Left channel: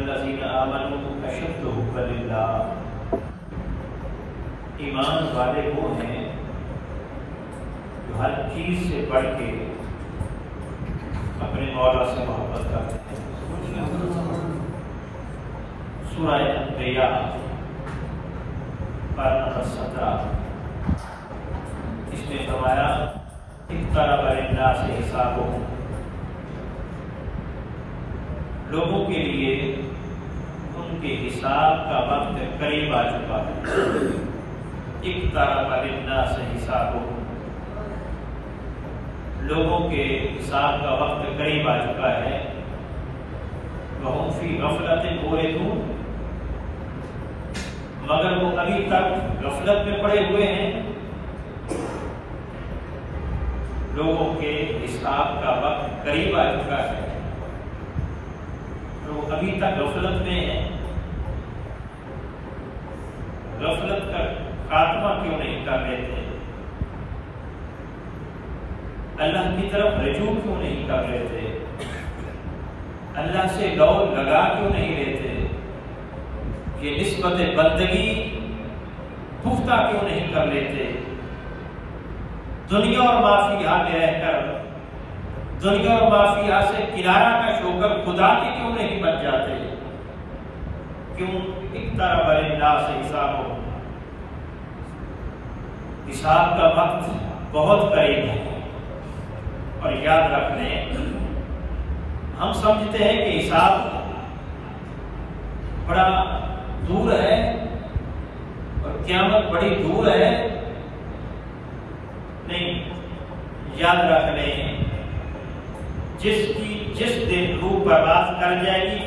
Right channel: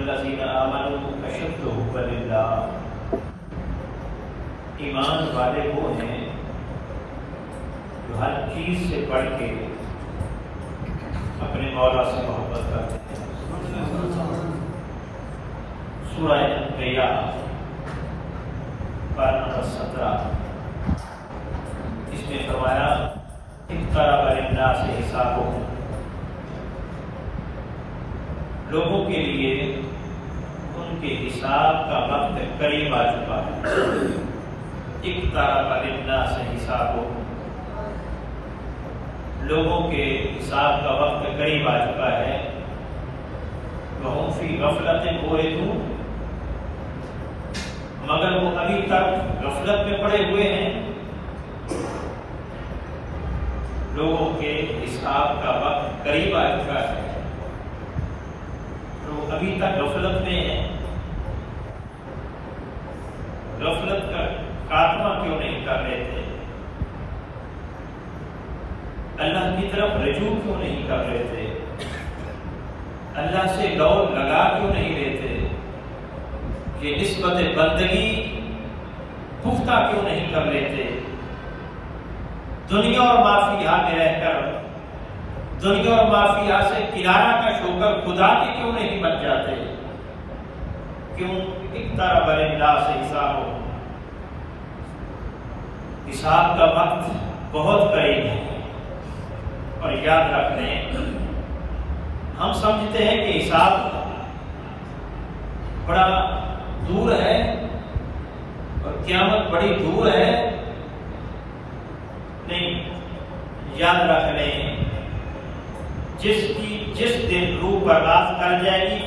والذین آمنوا اشد حبا للہ، ایمان والے وہ ہیں جو ہر چیز سے بڑھ کے اپنے مولا سے محبت کرتے ہیں۔ سورہ انبیاء پارہ نمبر 17 اس میں ہمارا اقترب للناس حسابهم، لوگوں کے لیے ان کے حساب کا وقت قریب آ چکا ہے۔ اقترب للناس حسابهم، لوگوں کے حساب کا وقت قریب آ چکا ہے۔ وهم فی غفلت معرضون، مگر وہ ابھی تک غفلت میں پڑے ہوئے ہیں۔ لوگوں کے حساب کا وقت قریب آ چکا ہے، لوگ ابھی تک غفلت میں ہیں۔ غفلت کا خاتمہ کیوں نہیں کر لیتے؟ اللہ کی طرف رجوع کیوں نہیں کر لیتے؟ اللہ سے دوڑ لگا کیوں نہیں لیتے؟ کہ نسبت بندگی پختہ کیوں نہیں کر لیتے؟ دنیا اور معافیہ میں رہ کر دنیا اور معافیہ سے کنارہ کش ہو کر خدا کے کیوں نہیں بن جاتے؟ کیوں اقترب للناس حسابهم، حساب کا وقت بہت قریب ہے۔ اور یاد رکھ لیں، ہم سمجھتے ہیں کہ حساب بڑا دور ہے اور قیامت بڑی دور ہے۔ نہیں، یاد رکھ لیں، جس دن روح برباد کر جائے گی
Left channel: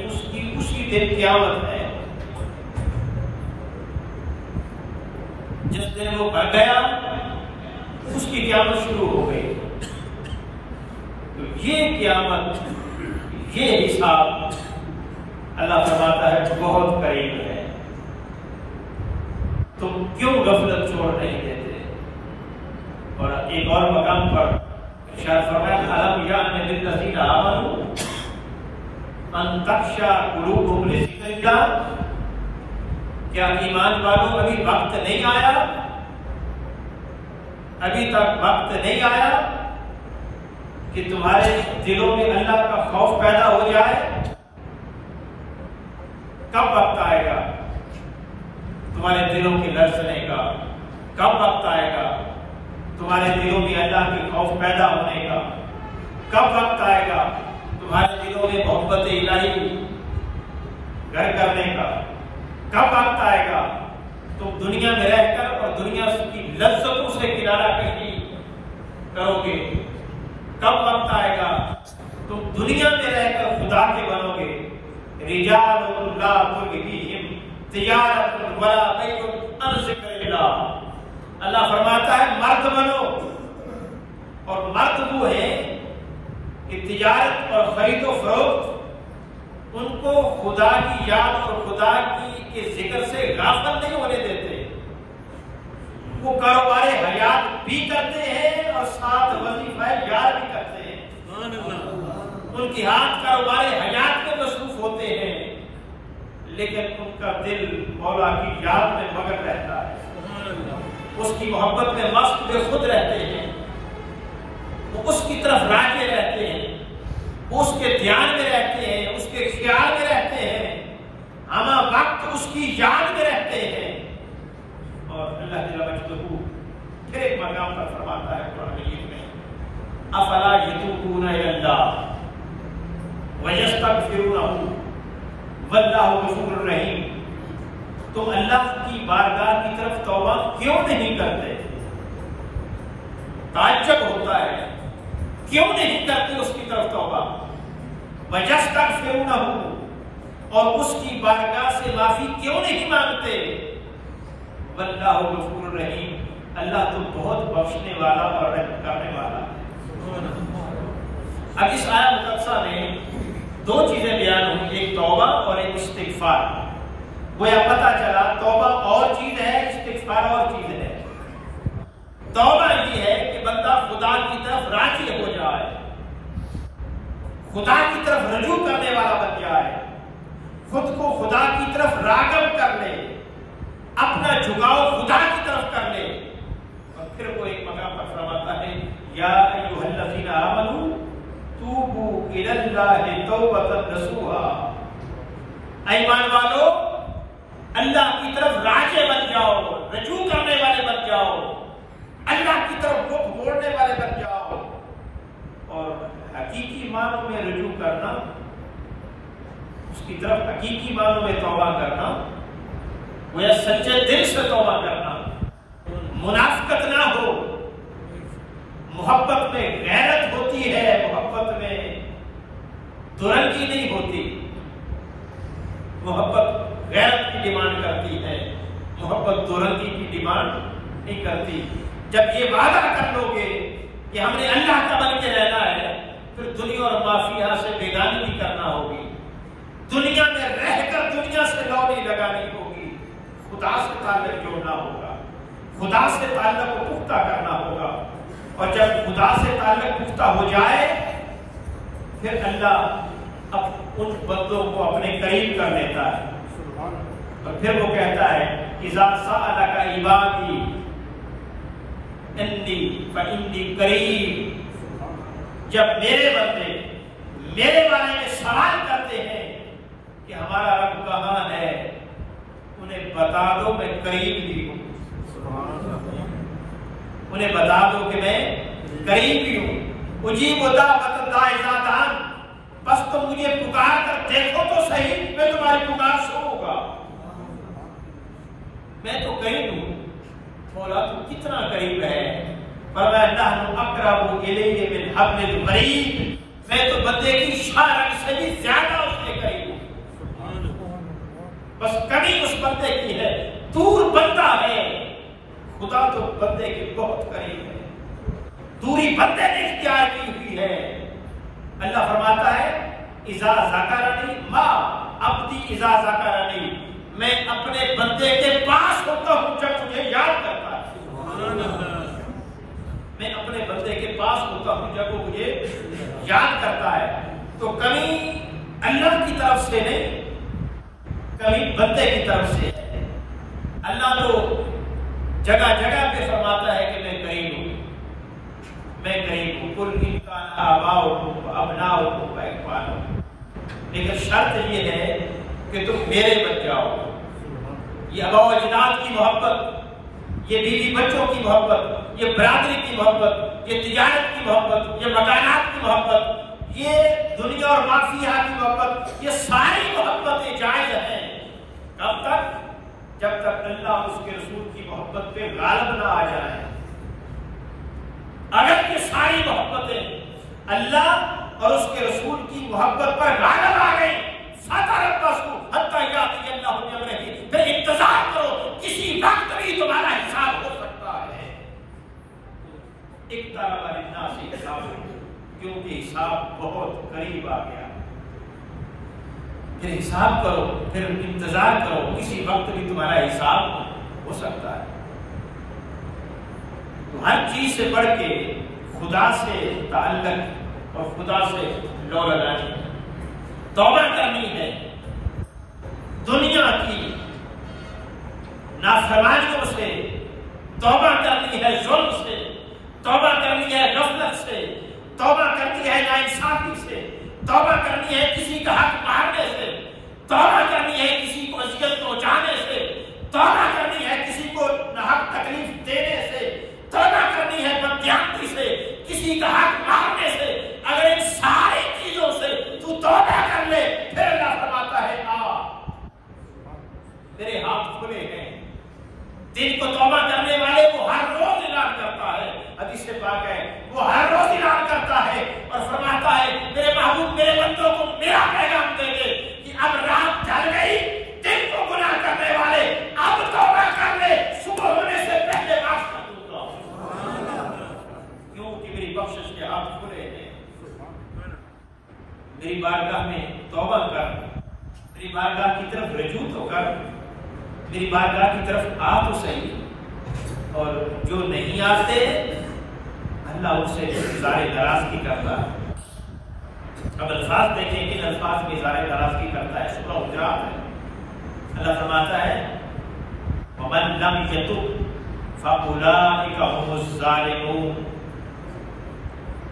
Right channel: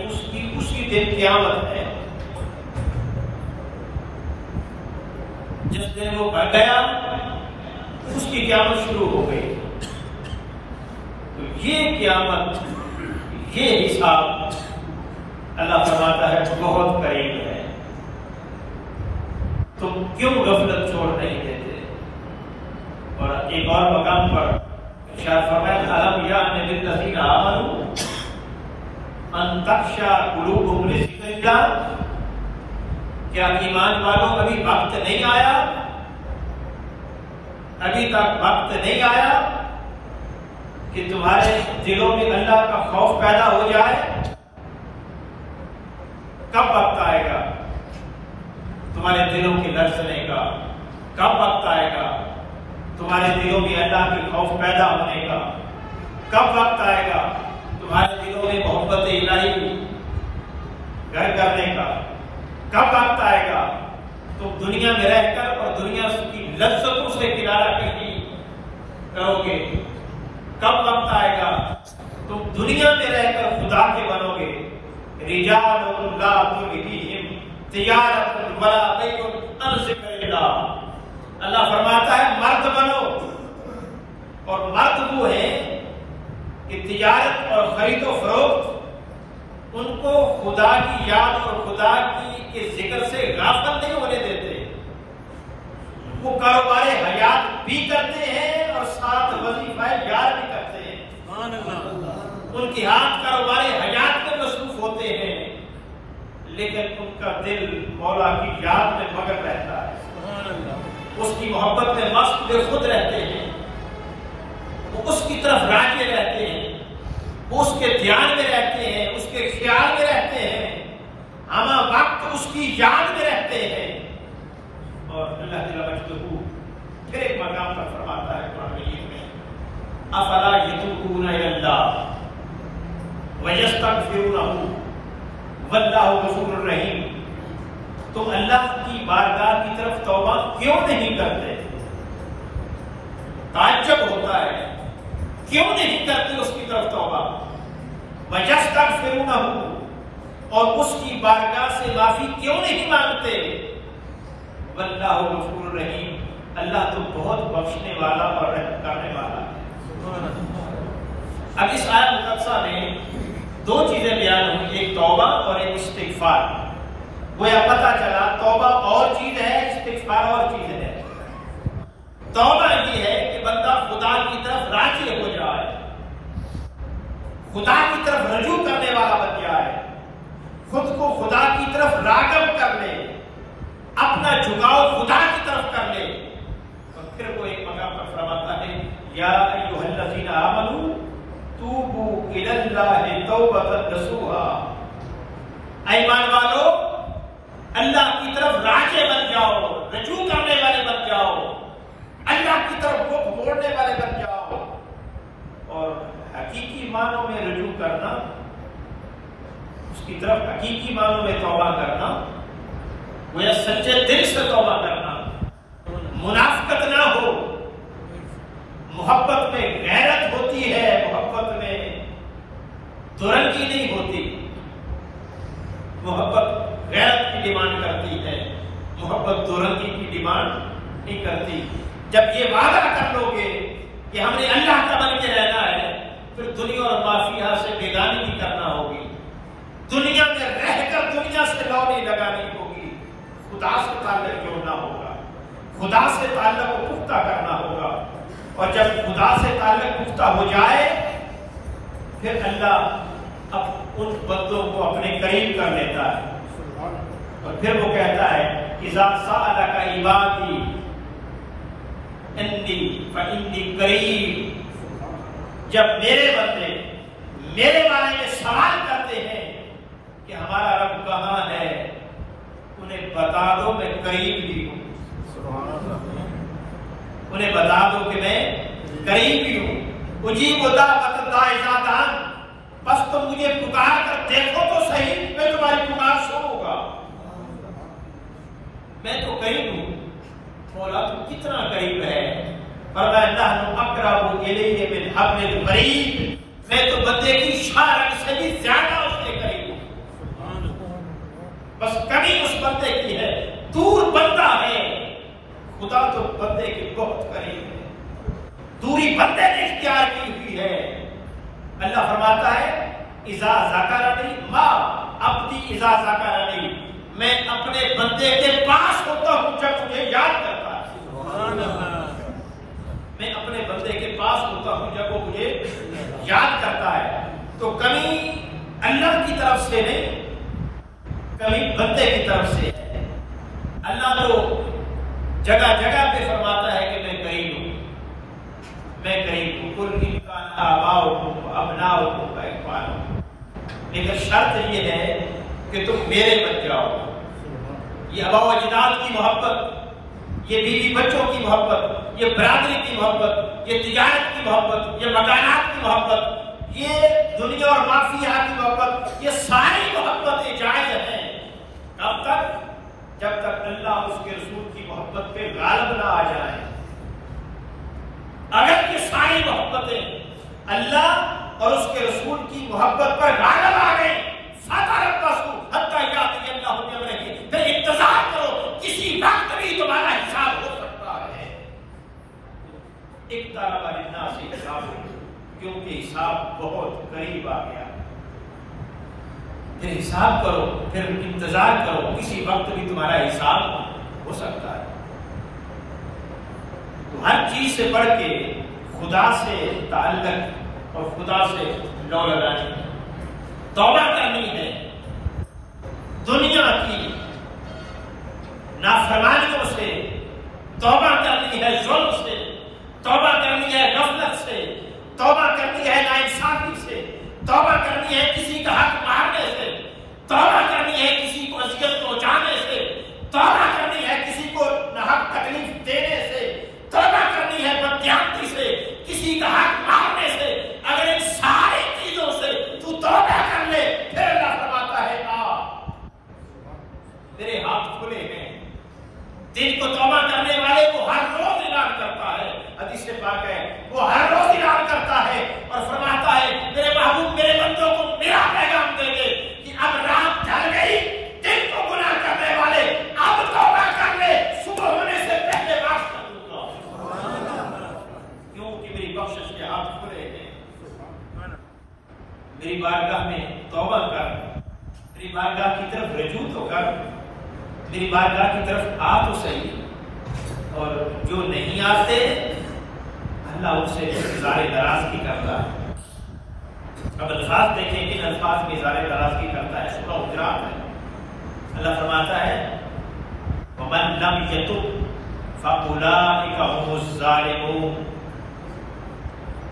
اسی دن قیامت ہے۔ جس دن وہ مر گیا اس کی قیامت شروع ہو گئی۔ تو یہ قیامت، یہ حساب اللہ فرماتا ہے بہت قریب ہے۔ تم کیوں غفلت چھوڑ نہیں دیتے؟ اور ایک اور مقام پر شاہ فرمایا الم یأن للذین آمنوا ان تخشع قلوبهم لذکر اللہ، کیا ایمان والوں ابھی وقت نہیں آیا؟ ابھی تک وقت نہیں آیا کہ تمہارے دلوں میں اللہ کا خوف پیدا ہو جائے؟ کب وقت آئے گا تمہارے دلوں کے لرزنے کا؟ کب وقت آئے گا تمہارے دلوں میں اللہ کے خوف پیدا ہونے کا؟ کب وقت آئے گا تمہارے دلوں میں محبت الہی گھر کرنے کا؟ کب وقت آئے گا تم دنیا میں رہ کر اور دنیا کی لذتوں سے کنارہ کشی کرو گے؟ کب وقت آئے گا تم دنیا میں رہ کر خدا کے بنو گے؟ رجال لا تلہیہم تجارت ولا بیع عن ذکر اللہ، اللہ فرماتا ہے مرد بنو، اور مرد وہ ہے کہ تجارت اور خرید و فروخت ان کو خدا کی یاد اور خدا کے ذکر سے غافل نہیں ہونے دیتے۔ وہ کاروبار حیات بھی کرتے ہیں اور ساتھ وظیفہ یاد بھی کرتے ہیں۔ ان کی ہاتھ کاروبار حیات میں مصروف ہوتے ہیں، لیکن ان کا دل مولا کی یاد میں مگن رہتا ہے، اس کی محبت میں مست بے خود رہتے ہیں، وہ اس کی طرف راغب رہتے ہیں، وہ اس کے دھیان میں رہتے ہیں، اس کے خیال میں رہتے ہیں، ہمہ وقت اس کی یاد میں رہتے ہیں۔ اور اللہ تعالیٰ مجدہ پھر ایک مقام پر فرماتا ہے قرآن مجید میں افلا یتوبون الی اللہ ویستغفرونہ واللہ غفور رحیم، تم اللہ کی بارگاہ کی طرف توبہ کیوں نہیں کرتے؟ تعجب ہوتا ہے، کیوں نہیں کرتی اس کی طرف توبہ؟ وَيَسْتَغْفِرُونَهُ، اور اس کی بارگاہ سے معافی کیوں نہیں مانگتے؟ وَاللَّهُ غَفُورٌ رَحِيمٌ، اللہ تو بہت بخشنے والا اور رحم کرنے والا ہے۔ اب اس آیت مقدسہ میں دو چیزیں بیان ہوئی، ایک توبہ اور ایک استغفار۔ گویا پتہ چلا توبہ اور چیز ہے، استغفار اور چیز ہے۔ توبہ یہ ہے کہ بندہ خدا کی طرف راجع ہو جائے، خدا کی طرف رجوع کرنے والا بن جائے، خود کو خدا کی طرف راغب کر لے، اپنا جھکاؤ خدا کی طرف کر لے، اور پھر وہ ایک مقام پر فرماتا ہے یا ایھا الذین آمنوا توبوا الی اللہ توبۃ نصوحا، اے ایمان والو اللہ کی طرف راجع بن جاؤ، رجوع کرنے والے بن جاؤ، اللہ کی طرف رخ موڑنے والے بن جاؤ۔ اور حقیقی معنوں میں رجوع کرنا، اس کی طرف حقیقی معنوں میں توبہ کرنا، وہ سچے دل سے توبہ کرنا، منافقت نہ ہو، محبت میں غیرت ہوتی ہے، محبت میں دورنگی نہیں ہوتی، محبت غیرت کی ڈیمانڈ کرتی ہے، محبت دورنگی کی ڈیمانڈ نہیں کرتی۔ جب یہ وعدہ کر لو گے کہ ہم نے اللہ کا بن کے رہنا ہے، پھر دنیا اور معافیہ سے بیگانی بھی کرنا ہوگی، دنیا میں رہ کر دنیا سے لو نہیں لگانی ہوگی، خدا سے تعلق جوڑنا ہوگا، خدا سے تعلق کو پختہ کرنا ہوگا، اور جب خدا سے تعلق پختہ ہو جائے پھر اللہ اب ان بندوں کو اپنے قریب کر لیتا ہے، اور پھر وہ کہتا ہے اذا سألک عبادی انی فانی قریب، جب میرے بندے میرے بارے میں سوال کرتے ہیں کہ ہمارا رب کہاں ہے، انہیں بتا دو میں قریب بھی ہوں، انہیں بتا دو کہ میں قریب بھی ہوں، اجیب دعوت الداعی اذا دعان، بس تم مجھے پکار کر دیکھو تو صحیح، میں تمہاری پکار سنوں گا، میں تو قریب ہوں۔ مولا تو کتنا قریب ہے، فرمایا نحن اقرب الیہ من حبل الورید، میں تو بندے کی شارک سے بھی زیادہ اس کے قریب ہوں، بس کمی اس بندے کی ہے، دور بندہ ہے، خدا تو بندے کے بہت قریب ہے، دوری بندے نے اختیار کی ہوئی ہے۔ اللہ فرماتا ہے اذا ذکرنی ما عبدی اذا ذکرنی، میں اپنے بندے کے پاس ہوتا ہوں جب مجھے یاد کرتا ہے، میں اپنے بندے کے پاس ہوتا ہوں جب وہ مجھے یاد کرتا ہے۔ تو کمی اللہ کی طرف سے نہیں، کمی بندے کی طرف سے۔ اللہ تو جگہ جگہ پہ فرماتا ہے کہ میں قریب ہوں، میں قریب ہوں، قل ان کان آباؤکم وابناؤکم واخوانکم، لیکن شرط یہ ہے کہ تم میرے بن جاؤ۔ یہ آباء و اجداد کی محبت، یہ بیوی بچوں کی محبت، یہ برادری کی محبت، یہ تجارت کی محبت، یہ مکانات کی محبت، یہ دنیا اور مافیہ کی محبت، یہ ساری محبتیں جائز ہیں۔ کب تک؟ جب تک اللہ اس کے رسول کی محبت پہ غالب نہ آ جائے۔ اگر یہ ساری محبتیں اللہ اور اس کے رسول کی محبت پر غالب آ گئی، پھر انتظار کرو، کسی وقت بھی تمہارا حساب ہو سکتا ہے۔ اقترب للناس حسابهم، کیونکہ حساب بہت قریب آ گیا۔ پھر حساب کرو، پھر انتظار کرو، کسی وقت بھی تمہارا حساب ہو سکتا ہے۔ تو ہر چیز سے بڑھ کے خدا سے تعلق اور خدا سے لو لگانی، توبہ کرنی ہے، دنیا کی نافرمانیوں سے توبہ کرنی ہے، ظلم سے توبہ کرنی ہے، غفلت سے توبہ کرنی ہے، ناانصافی سے توبہ کرنی ہے، کسی کا حق مارنے سے توبہ کرنی ہے، کسی کو اذیت پہنچانے سے توبہ کرنی ہے، کسی کو ناحق تکلیف دینے سے توبہ کرنی ہے، بددیانتی سے کسی کا حق مارنے سے۔ اگر ان ساری چیزوں سے تو توبہ کر لے، پھر اللہ فرماتا ہے میرے ہاتھ کھلے ہیں۔ دل کو توبہ کرنے والے کو ہر روز اعلان کرتا ہے، حدیث پاک ہے، وہ ہر روز اعلان کرتا ہے اور فرماتا ہے میرے محبوب میرے بندوں کو میرا پیغام دے دے کہ اب رات ڈھل گئی، دل کو گناہ کرنے والے اب توبہ کر لے، صبح ہونے سے پہلے معاف کر دوں گا، کیونکہ میری بخشش کے ہاتھ کھلے ہیں۔ میری بارگاہ میں توبہ کر، میری بارگاہ کی طرف رجوع تو کر، میری بارگاہ کی طرف آ تو صحیح، اور جو نہیں آتے اللہ ان سے گزارے دراز بھی کرتا ہے۔ اب الفاظ دیکھیں ان الفاظ کی اظہار ترازی کرتا ہے سورہ حجرات میں اللہ فرماتا ہے وَمَن لَّمْ يَتُبْ فَأُولَٰئِكَ هُمُ الظَّالِمُونَ،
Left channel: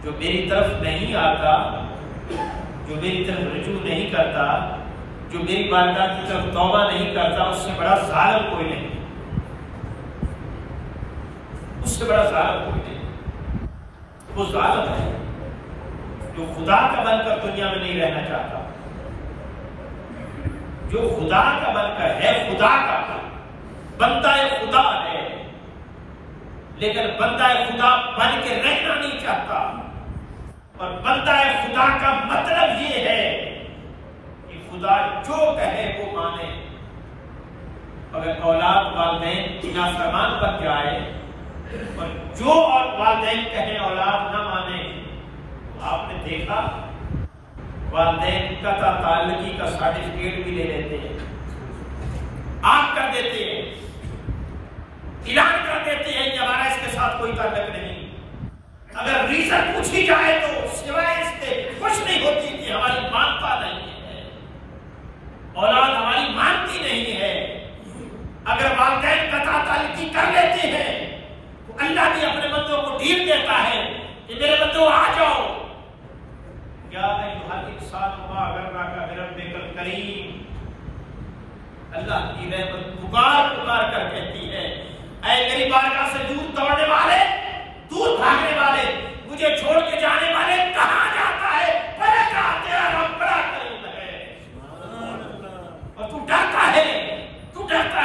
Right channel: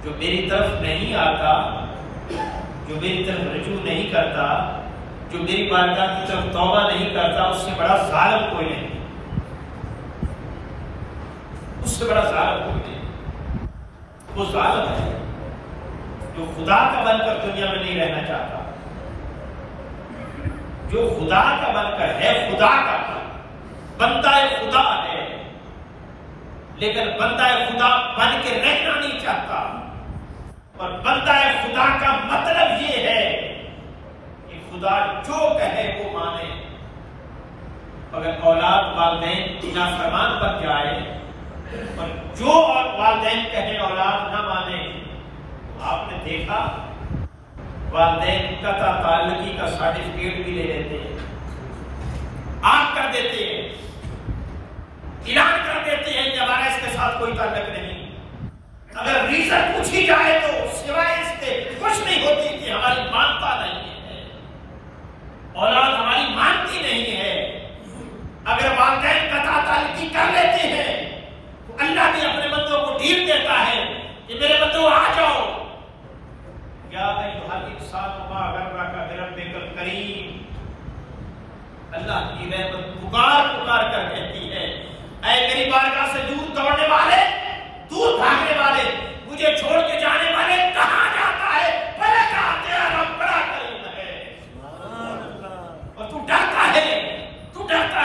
جو میری طرف نہیں آتا، جو میری طرف رجوع نہیں کرتا، جو میری بارگاہ کی طرف توبہ نہیں کرتا، اس سے بڑا ظالم کوئی نہیں، اس سے بڑا ظالم کوئی نہیں۔ وہ ظالم ہے جو خدا کا بن کر دنیا میں نہیں رہنا چاہتا، جو خدا کا بن کر ہے، خدا کا بندہ خدا ہے، لیکن بندہ خدا بن کے رہنا نہیں چاہتا۔ اور بندہ خدا کا مطلب یہ ہے کہ خدا جو کہے وہ مانے۔ اگر اولاد والدین کی نافرمان بن جائے اور جو اور والدین کہیں اولاد نہ مانے، آپ نے دیکھا والدین قطع تعلقی کا سرٹیفکیٹ بھی لے لیتے ہیں، آگ کر دیتے ہیں، اعلان کر دیتے ہیں کہ ہمارا اس کے ساتھ کوئی تعلق نہیں۔ اگر ریزن پوچھی جائے تو سوائے اس کے کچھ نہیں ہوتی کہ ہماری مانتا نہیں ہے، اولاد ہماری مانتی نہیں ہے۔ اگر والدین قطع تعلقی کر لیتے ہیں تو اللہ بھی اپنے بندوں کو ڈھیل دیتا ہے کہ میرے بندوں آ جاؤ، یا ایھا الانسان ما غرک بربک الکریم۔ اللہ کی رحمت پکار کر کہتی ہے اے میری بارگاہ سے دور دوڑنے والے، دور بھاگنے والے، مجھے چھوڑ کے جانے والے، کہاں جاتا ہے؟ بھلے کہاں تیرا رب بڑا کریم ہے۔ اور تو ڈرتا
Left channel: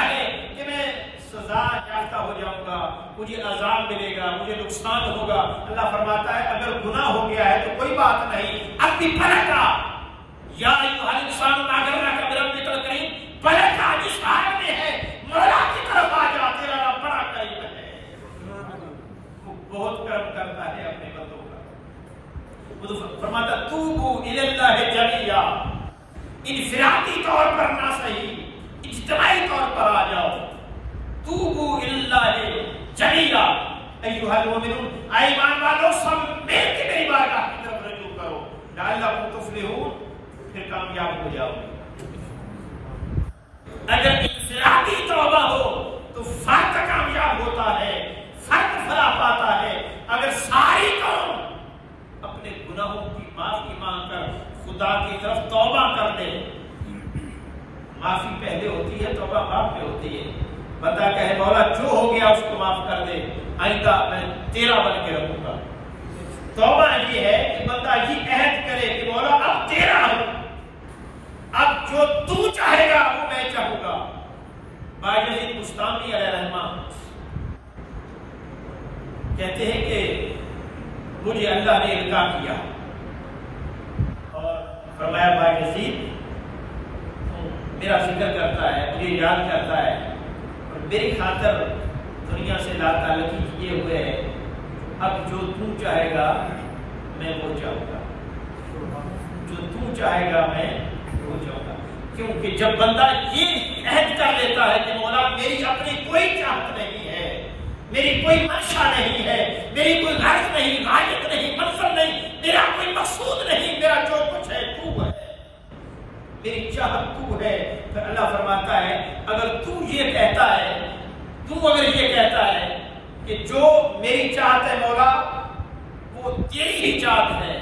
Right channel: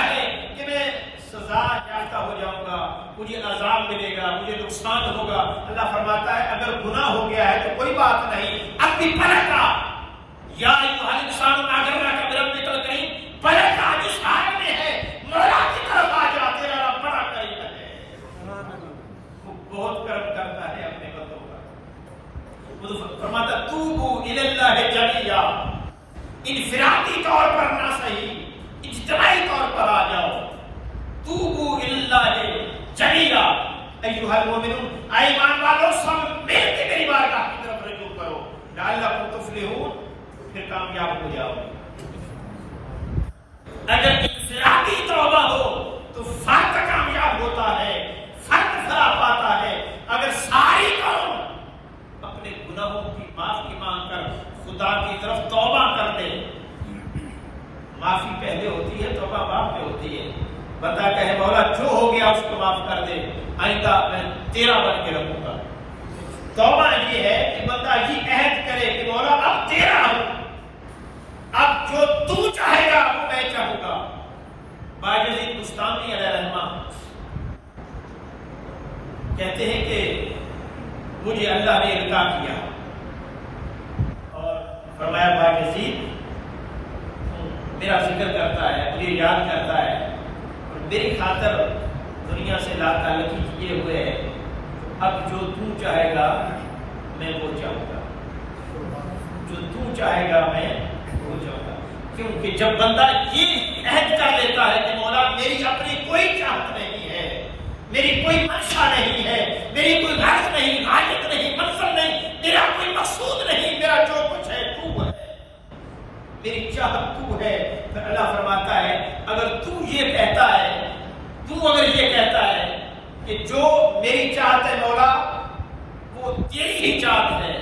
ہے کہ میں سزا یافتہ ہو جاؤں گا، مجھے عذاب ملے گا، مجھے نقصان ہوگا۔ اللہ فرماتا ہے اگر گناہ ہو گیا ہے تو کوئی بات نہیں، اب بھی پلٹا، یا ایھا الانسان ما غرک بربک الکریم، پلٹا جس حال میں ہے مولا کی طرف آ جا، تیرا رب بڑا کریم ہے، بہت کرم کرتا ہے اپنے بندوں کا۔ فرماتا توبوا الی اللہ جمیعا، انفرادی طور پر نہ صحیح، اجتماعی طور پر آ جاؤ۔ توبوا الی اللہ جمیعا ایھا المؤمنون، اے ایمان والو سب مل کے میری بارگاہ کی طرف رجوع کرو، لعلکم تفلحون، پھر کامیاب ہو جاؤ۔ اگر انفرادی توبہ ہو تو فرد کامیاب ہوتا ہے، فرد بھلا پاتا ہے۔ اگر ساری قوم اپنے گناہوں کی معافی مانگ کر خدا کی طرف توبہ کر دے، معافی پہلے ہوتی ہے، توبہ بعد میں ہوتی ہے۔ بندہ کہے مولا جو ہو گیا اس کو معاف کر دے، آئندہ میں تیرا بن کے رکھوں گا۔ توبہ یہ ہے کہ بندہ یہ عہد کرے کہ مولا اب تیرا ہوں، اب جو تو چاہے گا وہ میں چاہوں گا۔ باجلی مستانی علیہ رحمہ کہتے ہیں کہ مجھے اللہ نے القاء کیا اور فرمایا باجلی میرا ذکر کرتا ہے، مجھے یاد کرتا ہے، اور میری خاطر دنیا سے لا تعلقی کیے ہوئے ہے، اب جو تو چاہے گا میں وہ چاہوں گا، جو تو چاہے گا میں وہ چاہوں گا۔ کیونکہ جب بندہ یہ عہد کر لیتا ہے کہ مولا میری اپنی کوئی چاہت نہیں ہے، میری کوئی منشا نہیں ہے، میری کوئی غرض نہیں، غایت نہیں، مقصد نہیں، میرا کوئی مقصود نہیں، میرا جو کچھ ہے تو ہے، میری چاہت تو ہے، پھر اللہ فرماتا ہے اگر تو یہ کہتا ہے، تو اگر یہ کہتا ہے کہ جو میری چاہت ہے مولا وہ تیری ہی چاہت ہے،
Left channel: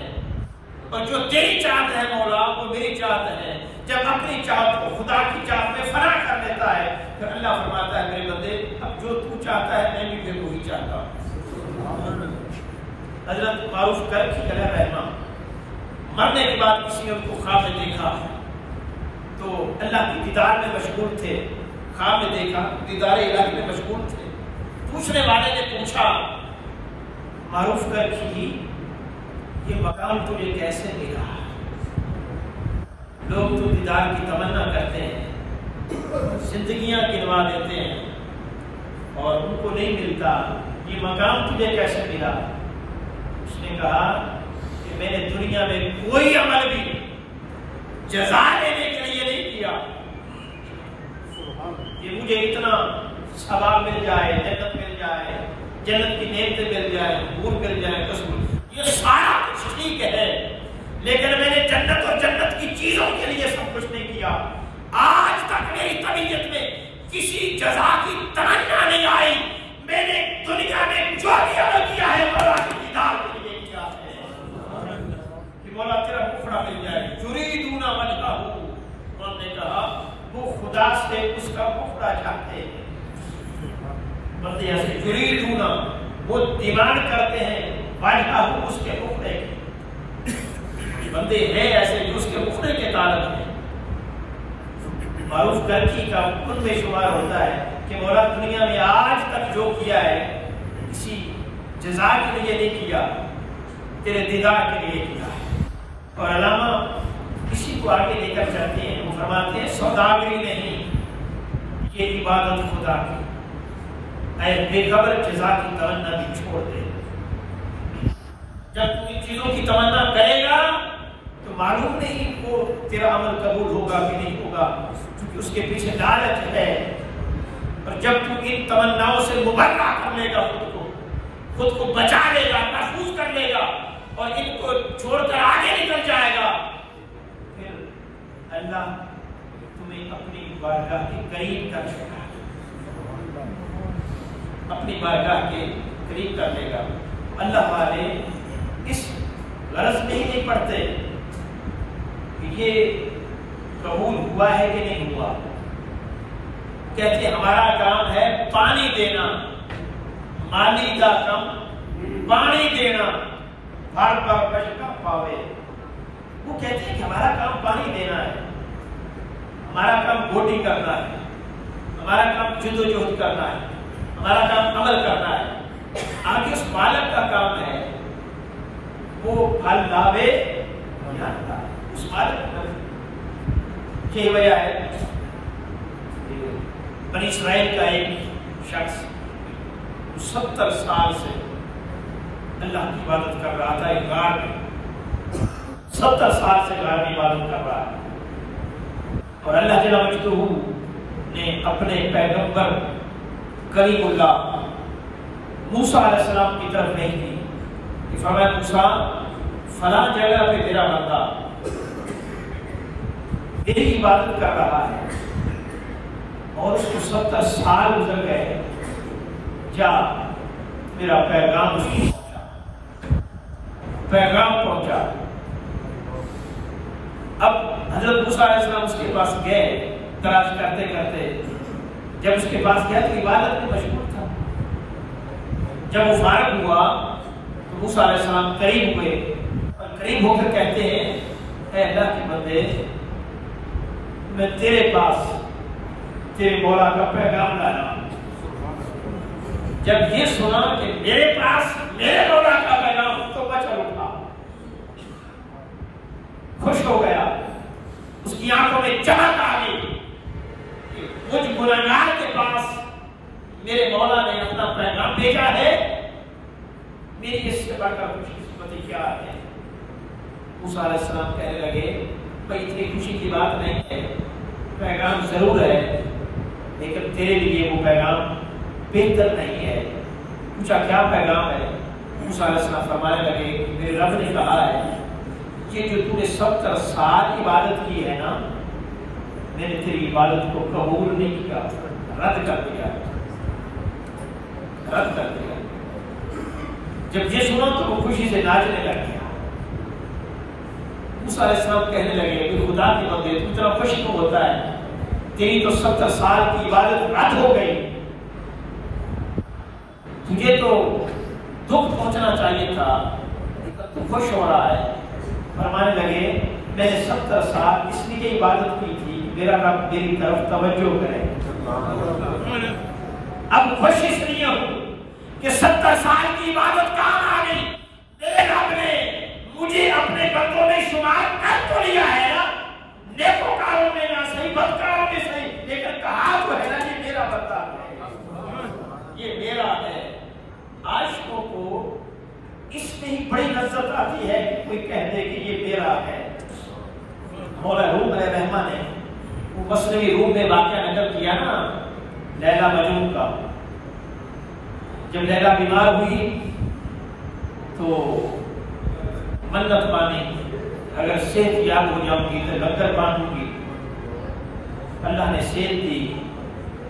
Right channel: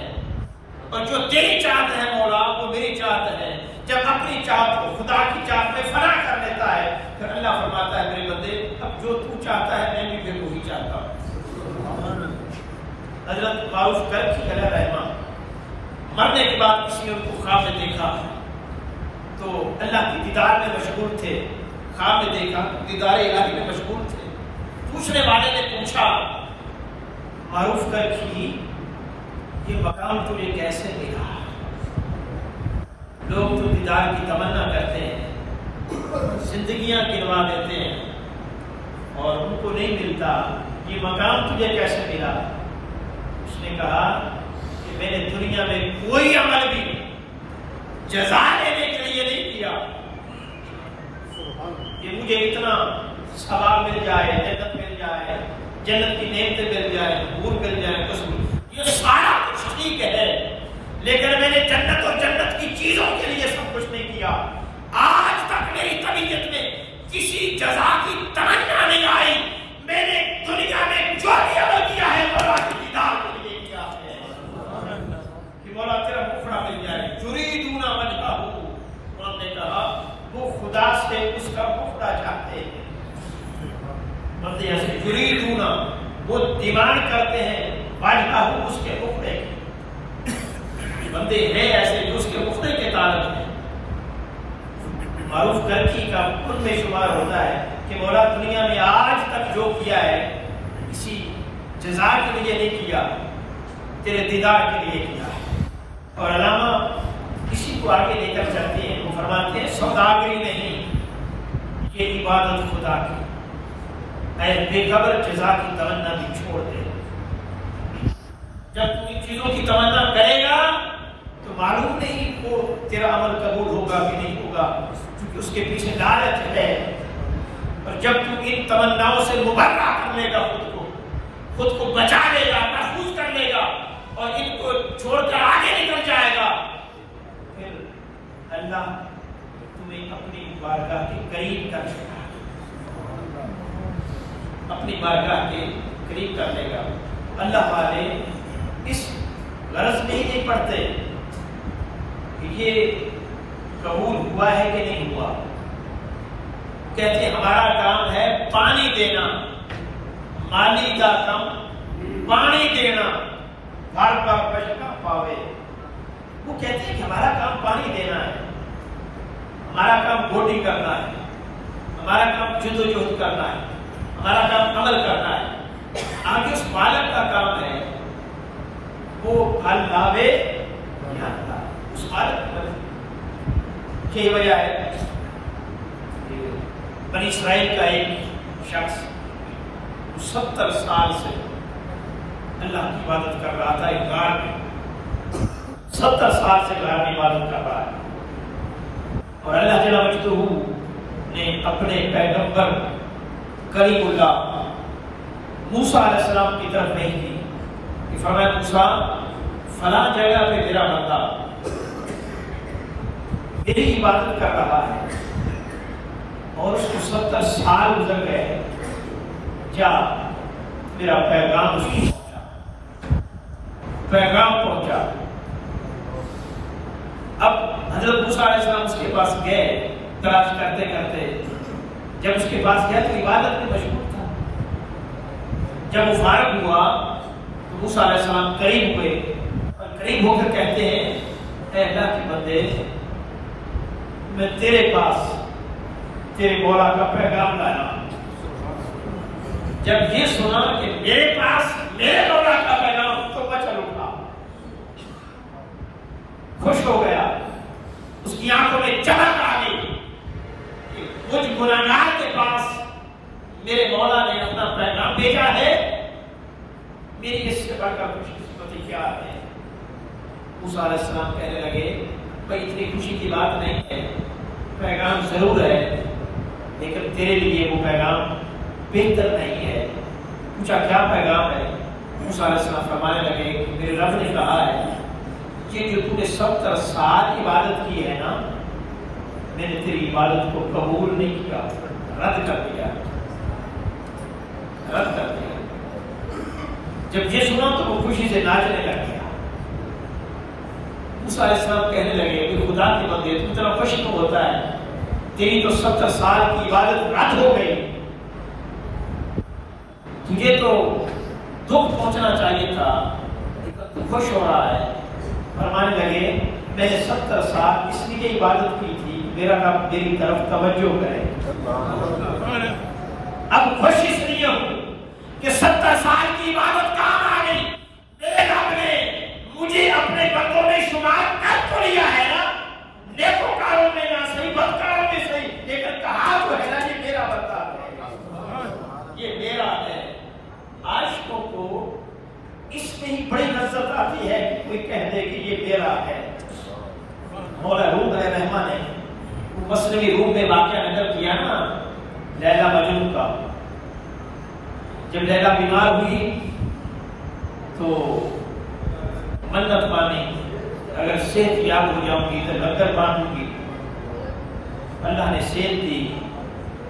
اور جو تیری چاہت ہے مولا وہ میری چاہت ہے، جب اپنی چاہت کو خدا کی چاہت میں فنا کر دیتا ہے پھر اللہ فرماتا ہے میرے بندے اب جو تو چاہتا ہے میں بھی پھر وہی چاہتا ہوں۔ حضرت معروف کرب علیہ رحمہ مرنے کے بعد کسی نے ان کو خواب میں دیکھا تو اللہ کی دیدار میں مشغول تھے، خواب میں دیکھا دیدار الہی میں مشغول تھے۔ پوچھنے والے نے پوچھا معروف کرب کی یہ مقام تجھے کیسے ملا؟ لوگ تو دیدار کی تمنا کرتے ہیں، زندگیاں گنوا دیتے ہیں اور ان کو نہیں ملتا، یہ مقام تجھے کیسے ملا؟ اس نے کہا کہ میں نے دنیا میں کوئی عمل بھی جزا لینے کے لیے نہیں کیا کہ مجھے اتنا ثواب مل جائے، جنت مل جائے، جنت کی نعمتیں مل جائے، حور مل جائے، یہ سارا کچھ ٹھیک ہے، لیکن میں نے جنت اور جنت کی چیزوں کے لیے سب کچھ نہیں کیا. آج تک میری طبیعت میں کسی جزا کی تمنا نہیں آئی. میں نے دنیا میں جو کیا ہے مولا کی دیدار کے لیے کیا ہے کہ مولا تیرا مکھڑا مل جائے. یریدون وجہہ، انہوں نے کہا وہ خدا سے اس کا مکھڑا چاہتے ہیں. بندے ایسے یریدون، وہ ڈیمانڈ کرتے ہیں وجہہ، اس کے مکھڑے. بندے ہیں ایسے جو اس کے مکھڑے کے طالب ہیں. معروف گرچی کا ان میں شمار ہوتا ہے کہ مولا دنیا میں آج تک جو کیا ہے کسی جزا کے لیے نہیں کیا، تیرے دیدار کے لیے کیا. اور علامہ کسی کو آگے لے کر چلتے ہیں، فرماتے ہیں سوداگری نہیں، یہ عبادت خدا کی. اے بے خبر جزا کی تمنا بھی چھوڑ دے. جب تو ان چیزوں کی تمنا کرے گا تو معلوم نہیں وہ تیرا عمل قبول ہوگا کہ نہیں ہوگا، کیونکہ اس کے پیچھے لالچ ہے. اور جب تو ان تمناؤں سے مبرہ کر لے گا، خود کو بچا لے گا، محفوظ کر لے گا اور ان کو چھوڑ کر آگے نکل جائے گا، پھر اللہ تمہیں اپنی بارگاہ کے قریب کر لے گا، اپنی بارگاہ کے قریب کر لے گا. اللہ والے اس غرض میں ہی نہیں پڑھتے کہ یہ قبول ہوا ہے کہ نہیں ہوا. کہتے ہمارا کام ہے پانی دینا، مالی کا کم پانی دینا، ہر بار بچنا پاوے. وہ کہتے ہیں کہ ہمارا کام پانی دینا ہے، ہمارا کام بوٹی کرنا ہے، ہمارا کام جدوجہد کرنا ہے، ہمارا کام عمل کرنا ہے. آگے اس بالغ کا کام ہے وہ پھل لاوے یا نہ. اس بالغ کی وجہ ہے بنی اسرائیل کا ایک شخص 70 سال سے اللہ کی عبادت کر رہا تھا. ایک غار میں 70 سال سے غار کی عبادت کر رہا ہے. اور اللہ جل وجلہ نے اپنے پیغمبر کریم اللہ موسیٰ علیہ السلام کی طرف نہیں دی کہ فرمایا موسیٰ فلاں جگہ پہ میرا بندہ میری عبادت کر رہا ہے اور اس کو 70 سال گزر گئے، جا میرا پیغام پہنچا. اب حضرت موسیٰ علیہ السلام اس کے پاس گئے تلاش کرتے کرتے. جب اس کے پاس گئے تو عبادت میں مشغول تھا. جب وہ فارغ ہوا تو موسیٰ علیہ السلام قریب ہوئے اور قریب ہو کر کہتے ہیں اے اللہ کے بندے، میں تیرے پاس تیرے مولا کا پیغام لایا. جب یہ سنا کہ میرے پاس میرے مولا کا پیغام، تو بچ اٹھا، خوش ہو گیا. اس کی آنکھوں میں چمک آ گئی. مجھ گناہگار کے پاس میرے مولا نے اپنا پیغام بھیجا ہے، میری اس سے بڑھ کر خوش قسمتی کیا ہے. موسیٰ علیہ السلام کہنے لگے بھائی اتنی خوشی کی بات نہیں ہے، پیغام ضرور ہے لیکن تیرے لیے وہ پیغام بہتر نہیں ہے. پوچھا کیا پیغام ہے؟ موسیٰ علیہ السلام فرمانے لگے کہ میرے رب نے کہا ہے یہ جو تم نے 70 سال عبادت کی ہے نا، میں نے تیری عبادت کو قبول نہیں کیا، رد کر دیا. جب یہ سنا تو وہ خوشی سے ناچنے لگ گیا. موسیٰ علیہ السلام کہنے لگے کہ خدا کے بندے تو اتنا خوش کیوں ہوتا ہے؟ تیری تو 70 سال کی عبادت رد ہو گئی، تجھے تو دکھ پہنچنا چاہیے تھا، تو خوش ہو رہا ہے. فرمانے لگے میں نے 70 سال اس لیے عبادت کی تھی میرا رب میری طرف توجہ کرے. اب خوش اس لیے ہوں کہ 70 سال کی عبادت کام آ گئی. میرے رب نے مجھے اپنے بندوں میں شمار کر تو لیا ہے نا، نیکوکاروں میں نہ صحیح، بدکاروں میں صحیح، لیکن کہا تو ہے نا یہ میرا بندہ ہے، یہ میرا ہے. عاشقوں کو اس میں ہی بڑی لذت آتی ہے کہ کوئی کہہ دے کہ یہ میرا ہے. مولا روم ہے مہمان ہے، وہ مسلمی روم میں واقعہ نظر کیا نا لیلا مجنون کا. جب لیلا بیمار ہوئی تو منت مانی اگر صحت یاب ہو جاؤں گی تو لنگر بانٹوں گی. اللہ نے صحت دی.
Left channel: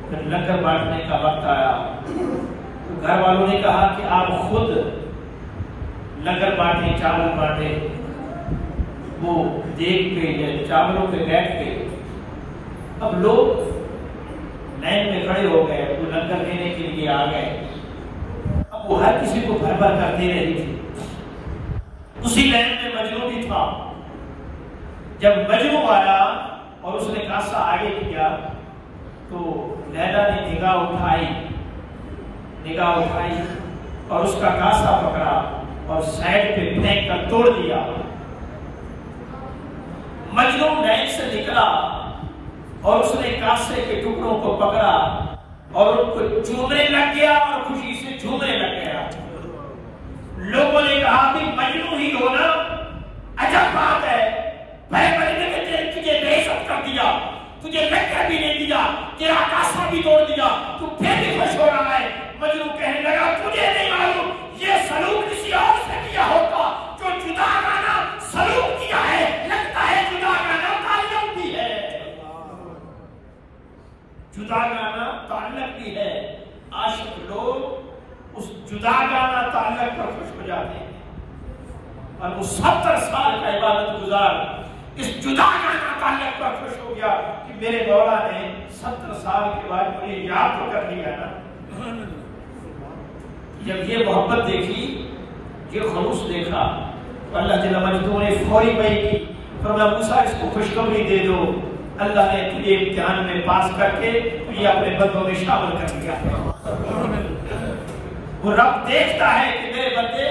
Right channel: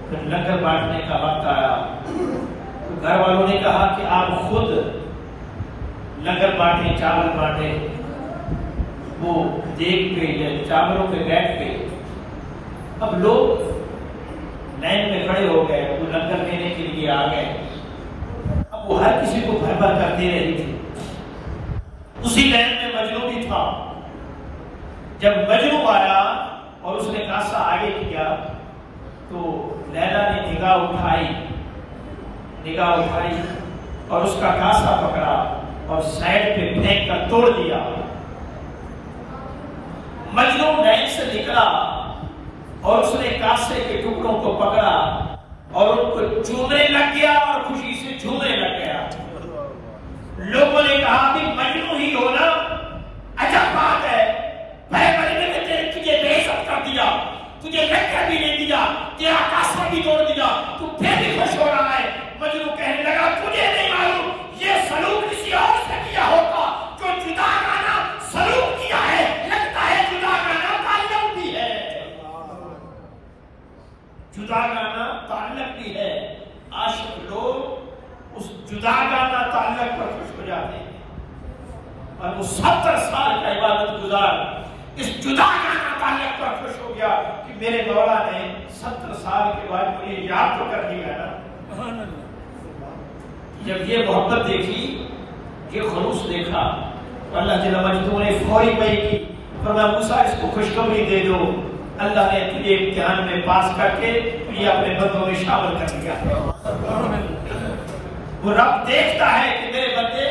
پھر لنگر بانٹنے کا وقت آیا تو گھر والوں نے کہا کہ آپ خود لنگر بانٹے, چاول بانٹے. وہ دیکھ کے یا چاولوں پہ بیٹھ کے اب لوگ لائن میں کھڑے ہو گئے, وہ لنگر لینے کے لیے آ گئے. اب وہ ہر کسی کو بھر بھر کر دے رہی تھی. اسی لائن میں مجنو بھی تھا. جب مجنو آیا اور اس نے کاسا آگے کیا تو لیلا نے نگاہ اٹھائی اور اس کا کاسا پکڑا اور سائڈ پہ پھینک کر توڑ دیا. مجنو لائن سے نکلا اور اس نے کاسے کے ٹکڑوں کو پکڑا اور ان کو چومنے لگ گیا اور خوشی سے جھومنے لگ گیا. لوگوں نے کہا کہ مجنو ہی ہونا عجب بات ہے, بڑے مجنو نے تجھے بے عزت کر دیا, تجھے لنگر بھی نہیں دیا, تیرا کاسا بھی توڑ دیا, تو پھر بھی خوش ہو رہا ہے. مجنو کہنے لگا تجھے نہیں معلوم یہ سلوک کسی اور سے کیا ہوگا جو جدا کرنا سلوک کیا ہے. لگتا ہے جدا کرنا تعلق بھی ہے, جدا گانا تعلق بھی ہے. عاشق لوگ اس جدا گانا تعلق پر خوش ہو جاتے ہیں اور وہ 70 سال کا عبادت گزار اس جدا گانا تعلق پر خوش ہو گیا کہ میرے مولا نے 70 سال کے بعد مجھے یاد تو کر دیا نا. جب یہ محبت دیکھی, یہ خلوص دیکھا, اللہ جل مجدہ نے فوری بھائی کی فرمایا موسیٰ اس کو خوشخبری دے دو, اللہ نے تجھے امتحان میں پاس کر کے یہ اپنے بندوں میں شامل کر دیا. وہ رب دیکھتا ہے کہ میرے بندے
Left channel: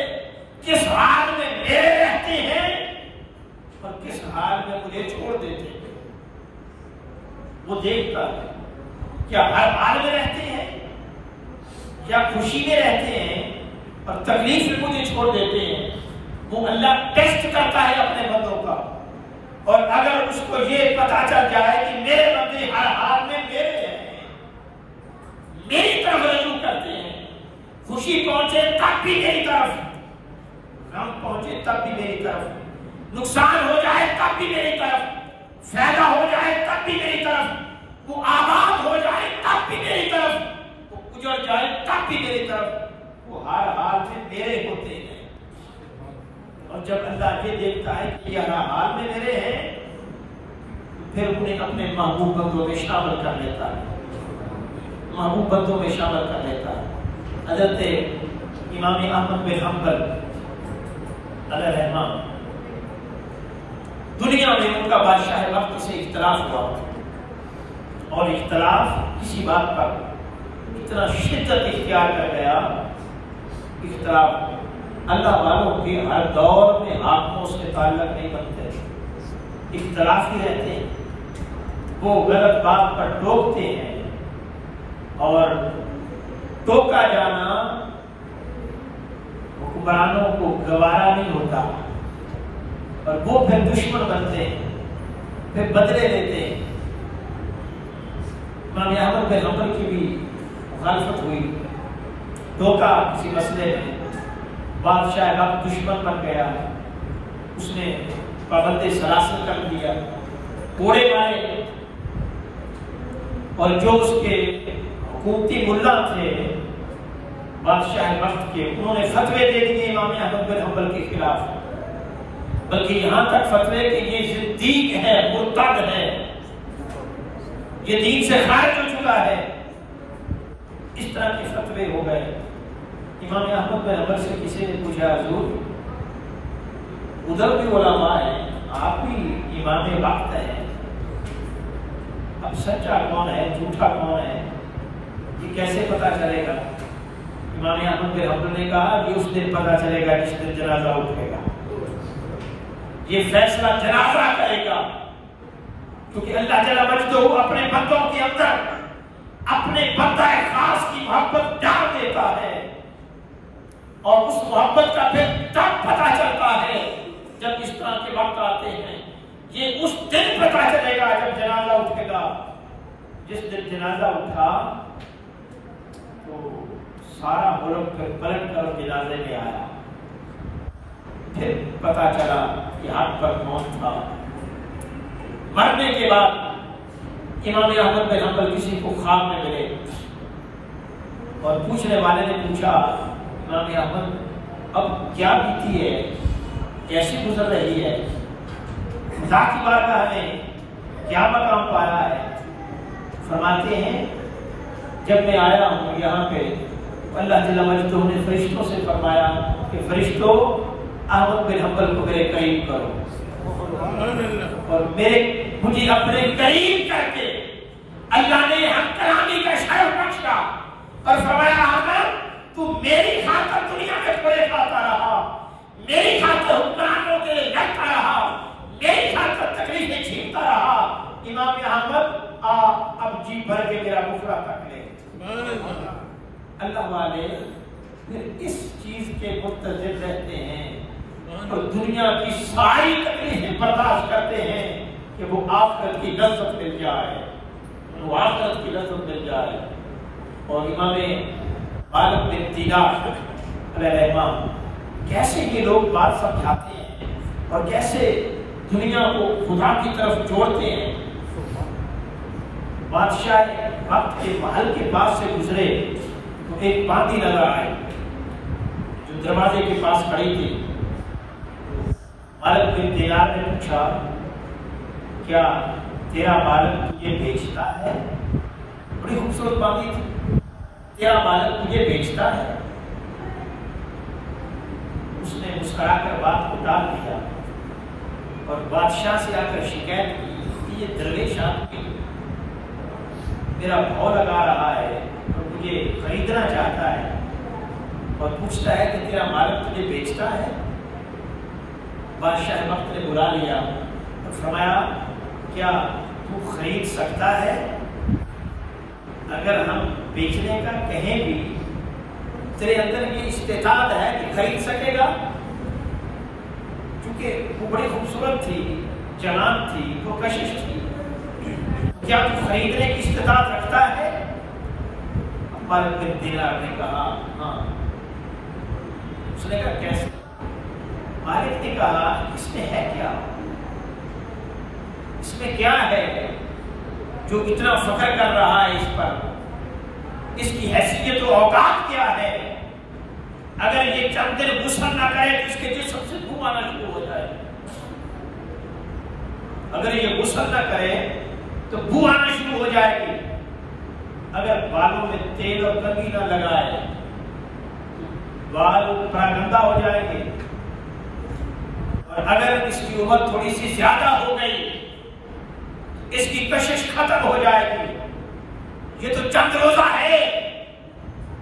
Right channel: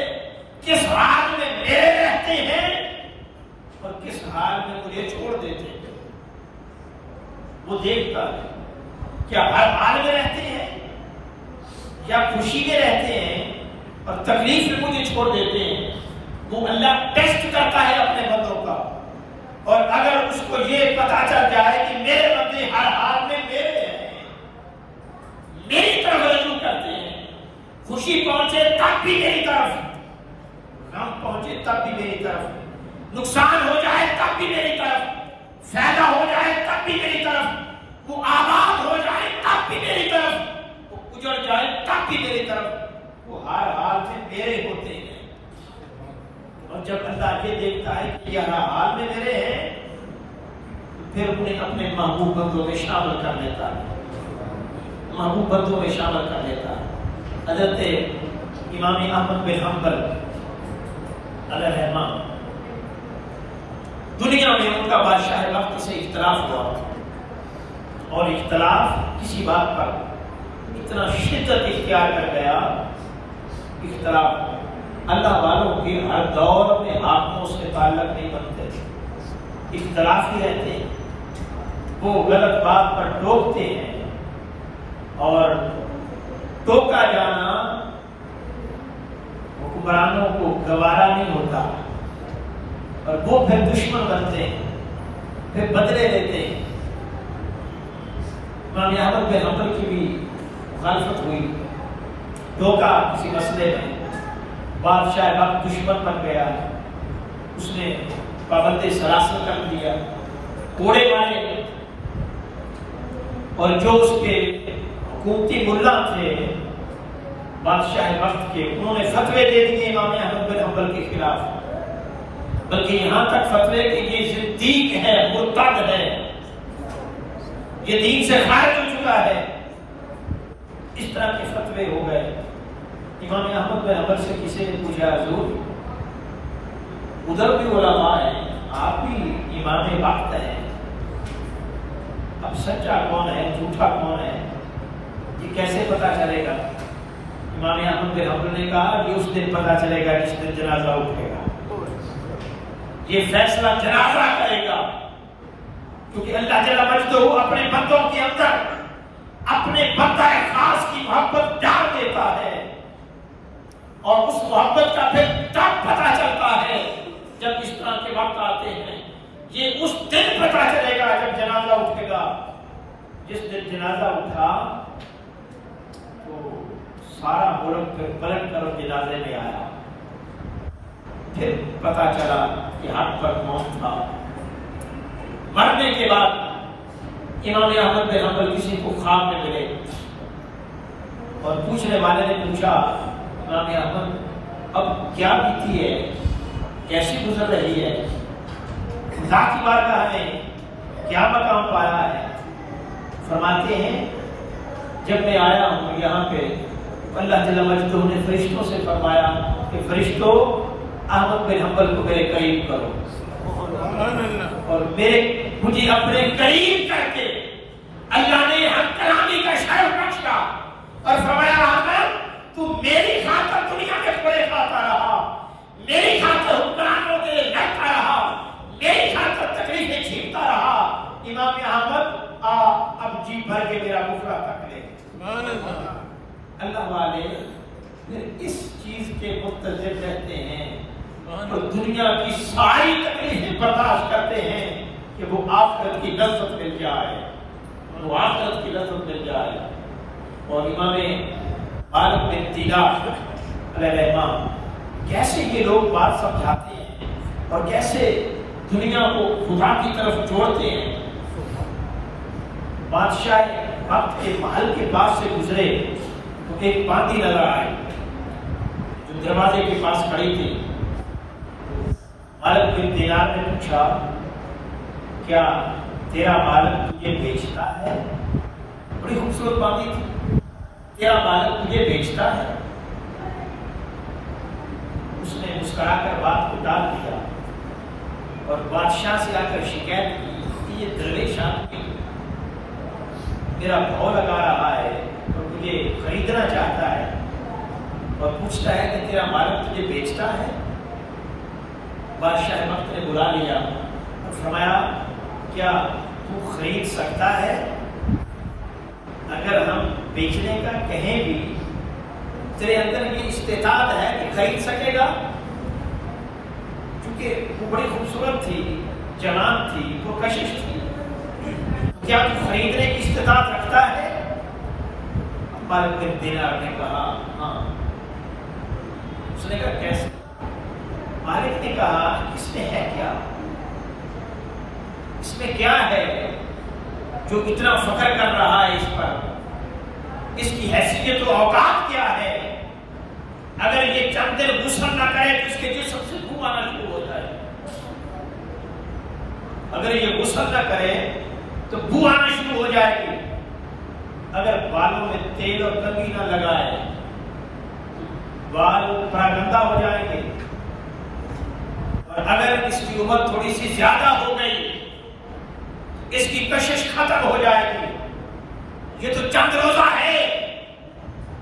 کس حال میں میرے رہتے ہیں اور کس حال میں مجھے چھوڑ دیتے ہیں. وہ دیکھتا ہے کیا ہر حال میں رہتے ہیں یا خوشی میں رہتے ہیں اور تکلیف میں مجھے چھوڑ دیتے ہیں. وہ اللہ ٹیسٹ کرتا ہے اپنے بندوں کا, اور اگر اس کو یہ پتا چل جائے کہ میرے بندے ہر حال میں میرے ہیں, میری طرف رجوع کرتے ہیں, خوشی پہنچے تب بھی میری طرف, غم پہنچے تب بھی میری طرف, نقصان ہو جائے تب بھی میری طرف, فائدہ ہو جائے تب بھی میری طرف, وہ آباد ہو جائے تب بھی میری طرف, وہ اجڑ جائے تب بھی میری طرف, وہ ہر حال میں میرے ہوتے ہیں. اور جب اللہ یہ دیکھتا ہے کہ یہ ہر حال میں میرے ہیں پھر انہیں اپنے محبوب بندوں میں شامل کر لیتا ہے, محبوب بندوں میں شامل کر لیتا ہے. حضرت امام احمد بن حنبل علیہ الرحمہ, دنیا میں ان کا بادشاہ وقت سے اختلاف ہوا اور اختلاف کسی بات پر اتنا شدت اختیار کر گیا. اختلاف اللہ والوں کے ہر دور میں آنکھوں سے تعلق نہیں بنتے, اختلاف ہی رہتے ہیں. وہ غلط بات پر ٹوکتے ہیں اور ٹوکا جانا حکمرانوں کو گوارا نہیں ہوتا اور وہ پھر دشمن بنتے ہیں, پھر بدلے لیتے ہیں. امام احمد بن حنبل کی بھی مخالفت ہوئی, ٹوکا کسی مسئلے میں, بادشاہ وقت دشمن بن گیا, اس نے پابند سلاسل کر دیا, کوڑے مارے, اور جو اس کے حکومتی ملا تھے بادشاہ وقت کے, انہوں نے فتوے دے دیے امام احمد بن حنبل کے خلاف, بلکہ یہاں تک فتوے کہ یہ صدیق ہے, مرتد ہے, یہ دین سے خارج ہو چکا ہے. اس طرح کے فتوے ہو گئے. امام احمد بن حنبل سے کسی نے پوچھا حضور ادھر بھی علماء ہیں, آپ بھی امام وقت ہیں, اب سچا کون ہے جھوٹا کون ہے یہ کیسے پتا چلے گا؟ امام احمد بن حنبل نے کہا کہ اس دن پتا چلے گا جس دن جنازہ اٹھے گا, یہ فیصلہ جنازہ کرے گا, کیونکہ اللہ جل مجدہ اپنے بندوں کے اندر اپنے بندہ خاص کی محبت ڈال دیتا ہے, اور اس محبت کا پھر تب پتا چلتا ہے جب اس طرح کے وقت آتے ہیں. یہ اس دن پتا چلے گا جب جنازہ اٹھے گا. جس دن جنازہ اٹھا تو سارا ملک پھر پلٹ کر جنازے میں آیا, پھر پتا چلا کہ حد تک موت تھا۔ مرنے کے بعد امام احمد بن حنبل کسی کو خواب میں ملے اور پوچھنے والے نے پوچھا امام احمد اب کیا بیتی ہے، کیسی گزر رہی ہے، خدا کی بارگاہ میں کیا مقام پایا ہے؟ فرماتے ہیں جب میں آیا ہوں یہاں پہ اللہ جل وجلہ نے فرشتوں سے فرمایا کہ فرشتوں احمد بن حنبل کو میرے قریب کرو، اور مجھے اپنے قریب کر کے اللہ نے ہم کلامی کا شرف بخشا اور فرمایا احمد تو میری خاطر دنیا میں بڑے کھاتا رہا، میری خاطر حکمرانوں کے لیے لڑتا رہا، میری خاطر تکلیفیں جھیلتا رہا۔ امام احمد اب جی بھر کے میرا مفرا کر لے۔ اللہ والے اس چیز کے منتظر رہتے ہیں اور دنیا کی ساری تکلیفیں برداشت کرتے ہیں کہ وہ آخرت کی لذت مل جائے، وہ آخرت کی لذت مل جائے۔ اور امام مالک بن دینار علیہ الرحمہ کیسے یہ لوگ بات سمجھاتے ہیں اور کیسے دنیا کو خدا کی طرف جوڑتے ہیں۔ بادشاہ وقت کے محل کے پاس سے گزرے تو ایک باندھی نظر آئی جو دروازے کے پاس کھڑی تھی۔ مالک بن دینار نے پوچھا کیا تیرا مالک تجھے بیچتا ہے؟ بڑی خوبصورت باندھی تھی، تیرا مالک تجھے بیچتا ہے؟ اس نے مسکرا کر بات کو ٹال دیا اور بادشاہ سے آ کر شکایت کی کہ یہ درویش آدمی میرا بھاؤ لگا رہا ہے اور مجھے خریدنا چاہتا ہے اور پوچھتا ہے کہ تیرا مالک تجھے بیچتا ہے۔ بادشاہ وقت نے بلا لیا اور فرمایا کیا تو خرید سکتا ہے؟ اگر ہم بیچنے کا کہیں بھی تیرے اندر یہ استطاعت ہے کہ خرید سکے گا؟ کیونکہ وہ بڑی خوبصورت تھی، جوان تھی، وہ کشش تھی، کیا تو خریدنے کی استطاعت رکھتا ہے؟ مالک بن دینار نے کہا ہاں۔ اس نے کہا کیسے؟ مالک نے کہا اس میں ہے کیا؟ اس میں کیا ہے جو اتنا فخر کر رہا ہے اس پر؟ اس کی حیثیت و اوقات کیا ہے؟ اگر یہ چند دن غسل نہ کرے تو اس کے جسم سے بو آنا شروع ہو جائے، اگر یہ غسل نہ کرے تو بو آنا شروع ہو جائے گی، اگر بالوں میں تیل اور کنگھی نہ لگائے بال گندا ہو جائیں گے، اور اگر اس کی عمر تھوڑی سی زیادہ ہو گئی اس کی کشش ختم ہو جائے گی۔ یہ تو چند روزہ ہے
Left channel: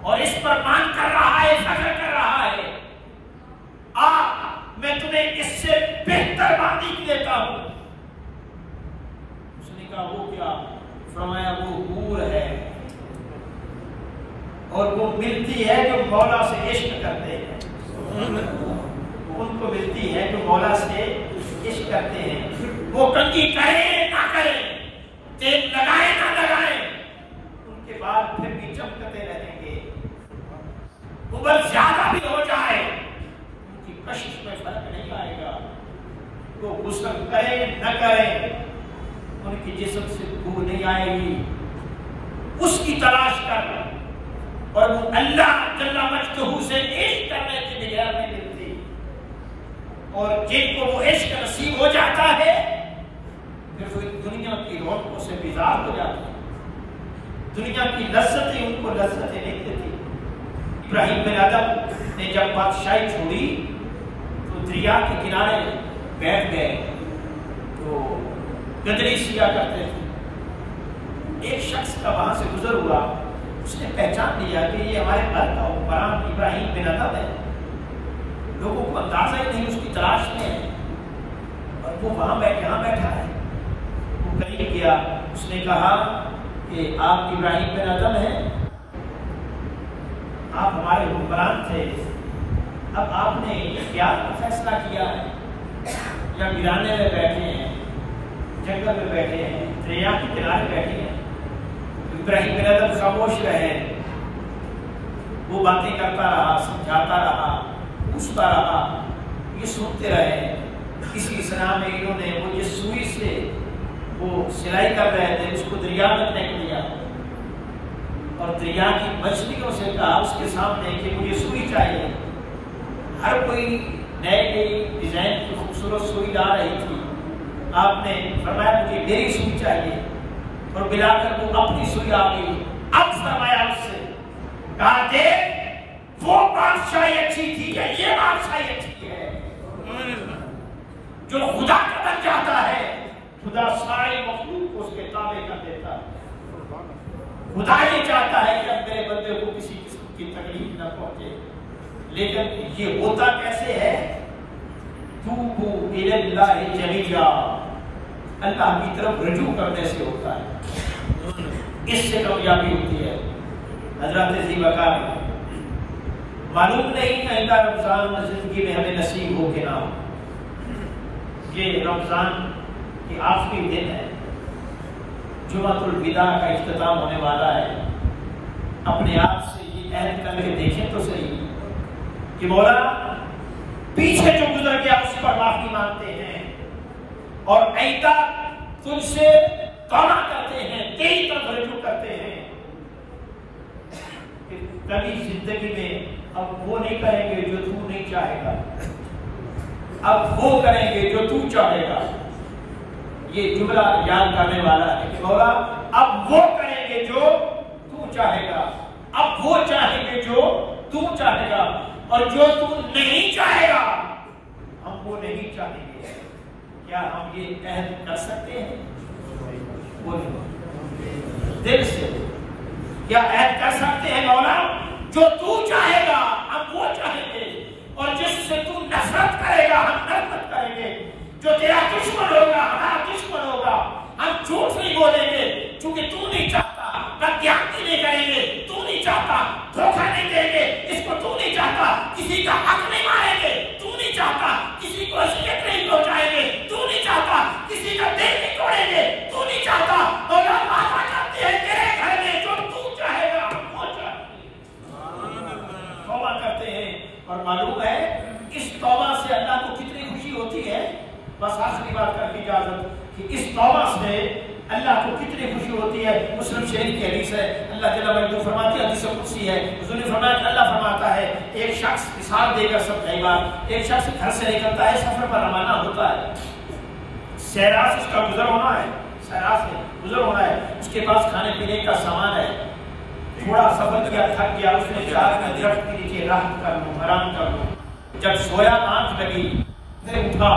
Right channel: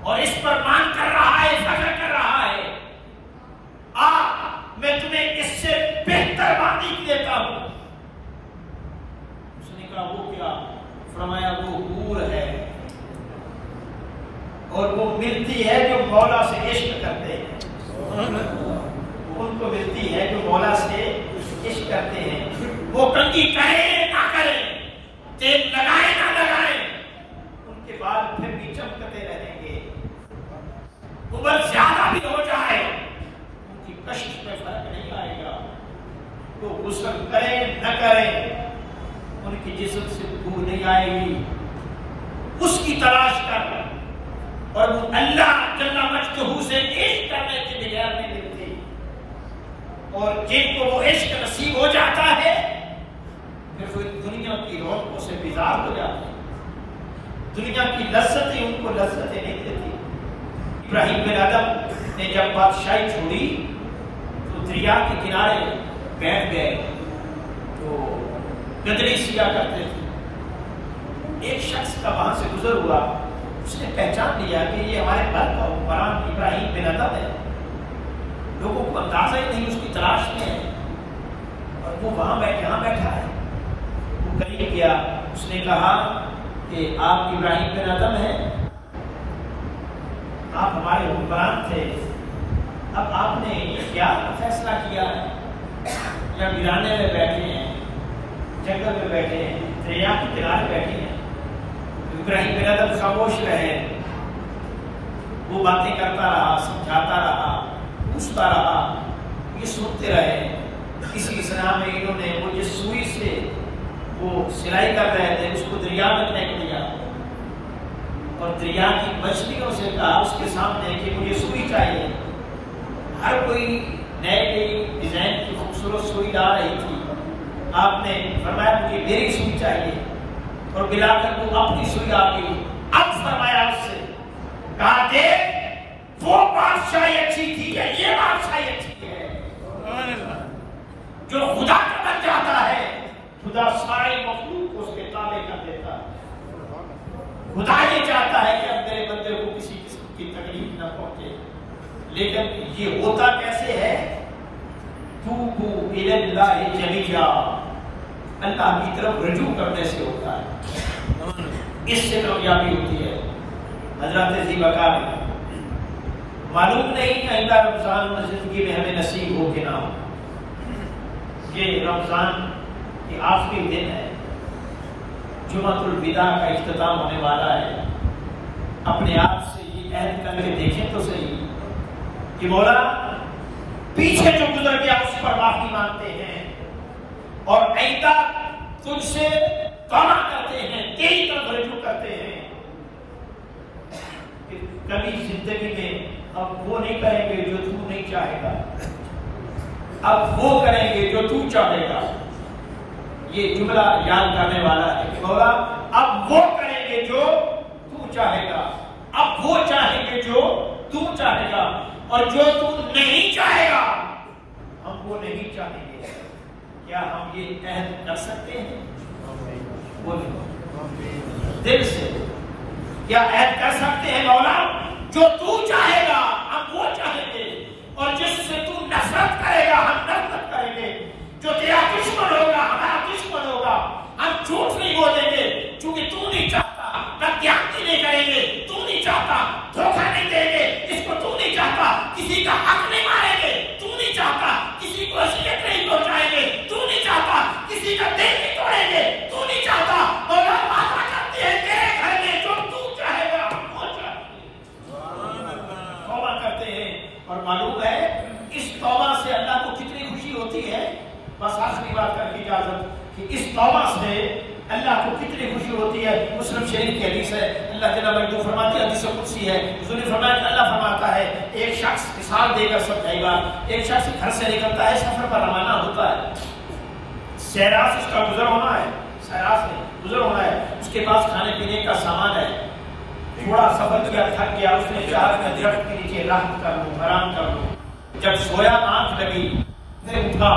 اور اس پر مان کر رہا ہے، فخر کر رہا ہے، میں تمہیں اس سے بہتر باندھی دیتا ہوں۔ اس نے کہا وہ کیا؟ فرمایا وہ حور ہے اور وہ ملتی ہے جو مولا سے عشق کرتے ہیں، ان کو ملتی ہے جو مولا سے عشق کرتے ہیں۔ وہ کنگھی کرے نہ کرے، تیل لگائے نہ لگائے، ان کے بعد پھر بھی چمکتے رہیں گے، عمر زیادہ بھی ہو جائے ان کی کشش میں فرق نہیں آئے گا۔ وہ غسل کرے نہ کرے ان کی جسم سے بو نہیں آئے گی۔ اس کی تلاش کر اور وہ اللہ جل مجدہ سے عشق کرنے کے بغیر نہیں ملتی، اور جن کو وہ عشق نصیب ہو جاتا ہے پھر وہ دنیا کی رونقوں سے بیزار ہو جاتے ہیں، دنیا کی لذتیں ان کو لذتیں نہیں دیتی۔ ابراہیم بن ادم نے جب بادشاہی چھوڑی تو دریا کے کنارے بیٹھ گئے، تو گدری سیا کرتے تھے۔ ایک شخص کا وہاں سے گزر ہوا، اس نے پہچان لیا کہ یہ ہمارے گھر کا حکمران ابراہیم بن ادم ہے۔ لوگوں کو اندازہ ہی نہیں اس کی تلاش میں ہے، اور وہ وہاں بیٹھا ہے۔ وہ قریب گیا، اس نے کہا کہ آپ ابراہیم بن ادم ہیں، آپ ہمارے حکمران تھے، اب آپ نے کیا فیصلہ کیا ہے؟ یا گرانے میں بیٹھے ہیں، جنگل میں بیٹھے ہیں، دریا کے کنارے بیٹھے ہیں؟ ابراہیم بن ادم خاموش رہے، وہ باتیں کرتا رہا، سمجھاتا رہا، پوچھتا رہا، یہ سنتے رہے۔ اسی اسلام میں انہوں نے وہ یہ سوئی سے وہ سلائی کر رہے تھے، اس کو دریا میں پھینک دیا اور دریا کی مچھلیوں سے کہا اس کے سامنے کہ مجھے سوئی چاہیے. ہر کوئی نئے نئی ڈیزائن کی خوبصورت سوئی لا رہی تھی. آپ نے فرمایا مجھے میری سوئی چاہیے اور بلا کر وہ اپنی سوئی آ گئی. اب فرمایا اس سے کہا دیکھ وہ بادشاہی اچھی تھی یا یہ بادشاہی اچھی ہے؟ جو خدا کا بن جاتا ہے خدا سارے مخلوق کو اس کے تابع کر دیتا ہے. خدا یہ چاہتا ہے کہ اب میرے بندے کو کسی قسم کی تکلیف نہ پہنچے. لیکن یہ ہوتا کیسے ہے؟ توبو الی اللہ جمیعا، اللہ کی طرف رجوع کرنے سے ہوتا ہے. اس سے کامیابی ہوتی ہے. حضرت ذی وقار معلوم نہیں کہ اللہ رمضان زندگی میں ہمیں نصیب ہو کہ نہ ہو. یہ رمضان کی آخری دن ہے، جمعۃ الوداع کا اختتام ہونے والا ہے. اپنے آپ سے یہ عہد کر کے دیکھیں تو صحیح کہ مولا پیچھے جو گزر گیا اس پر معافی مانگتے ہیں اور آئندہ تجھ سے توبہ کرتے ہیں، تیری طرف رجوع کرتے ہیں. کبھی زندگی میں اب وہ نہیں کریں گے جو تو نہیں چاہے گا، اب وہ کریں گے جو تو چاہے گا. یہ جملہ یاد کرنے والا ہے. مولا اب وہ کریں گے جو تو چاہے گا، اب وہ چاہیں گے جو تو چاہے گا، اور جو تو نہیں چاہے گا ہم وہ نہیں چاہیں گے. کیا ہم یہ عہد کر سکتے ہیں؟ دل سے کیا عہد کر سکتے ہیں مولا جو تو چاہے گا ہم وہ چاہیں گے، اور جس سے تو نفرت کرے گا ہم نفرت کریں گے، جو تیرا دشمن ہوگا ہمارا دشمن ہوگا. ہم جھوٹ نہیں بولیں گے چونکہ تو نہیں چاہتا، بدیانتی نہیں کریں گے تو نہیں چاہتا، دھوکہ نہیں دیں گے اس کو تو نہیں چاہتا، کسی کا حق نہیں ماریں گے تو نہیں چاہتا، کسی کو شکایت نہیں پہنچائیں گے تو نہیں چاہتا، کسی کا دل نہیں توڑیں گے تو نہیں چاہتا. اور ہم وعدہ کرتے ہیں تیرے گھر میں جو تو چاہے گا ہم وہ چاہتے ہیں. توبہ کرتے ہیں اور معلوم ہے اس توبہ سے اللہ کو کتنی خوشی ہوتی ہے. بس آخری بات کر دی اجازت کہ اس توبہ سے اللہ کو کتنی خوشی ہوتی ہے. مسلم شریف کی حدیث ہے، اللہ تعالیٰ نے جو فرماتی ہے حدیث قدسی ہے. حضور نے فرمایا کہ اللہ فرماتا ہے ایک شخص مثال دے کر سمجھائے گا. ایک شخص گھر سے نکلتا ہے، سفر پر روانہ ہوتا ہے، سیراف اس کا گزر ہونا ہے، سیراف میں گزر ہونا ہے، اس کے پاس کھانے پینے کا سامان ہے. تھوڑا سفر کیا، تھک گیا، اس نے چاہا کہ درخت کے نیچے آرام کر لوں، آرام کر لوں. جب سویا آنکھ لگی پھر اٹھا.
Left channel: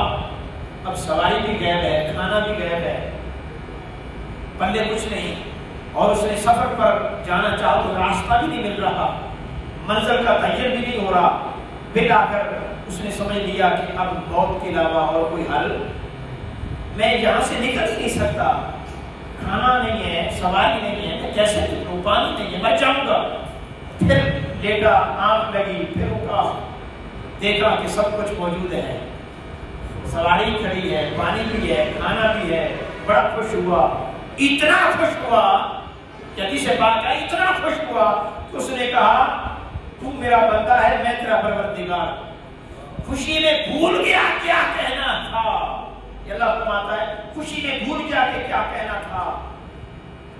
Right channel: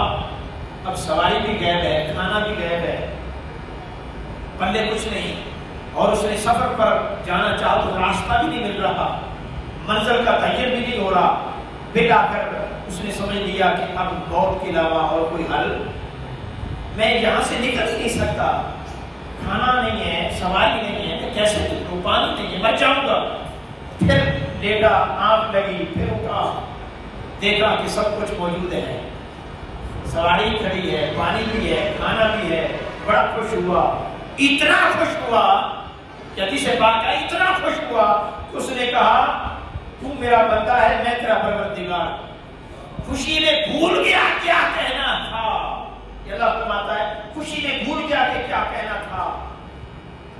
اب سواری بھی غائب ہے، کھانا بھی غائب ہے، پلے کچھ نہیں، اور اس نے سفر پر جانا چاہا تو راستہ بھی نہیں مل رہا، منزل کا تعین بھی نہیں ہو رہا. پھر آ کر اس نے سمجھ لیا کہ اب موت کے علاوہ اور کوئی حل میں یہاں سے نکل نہیں سکتا. کھانا نہیں ہے، سواری نہیں ہے، کیسے نکلوں، پانی نہیں ہے، مر جاؤں گا. پھر دیکھا، آنکھ لگی، پھر اٹھا، دیکھا کہ سب کچھ موجود ہے، سواری کھڑی ہے، پانی بھی ہے، کھانا بھی ہے. بڑا خوش ہوا، اتنا خوش ہوا کہ حدیث پاک ہے اتنا خوش ہوا کہ اس نے کہا تو میرا بندہ ہے، میں تیرا پروردگار. خوشی میں بھول گیا کیا کہنا تھا. اللہ فرماتا ہے خوشی میں بھول گیا کہ کیا کہنا تھا.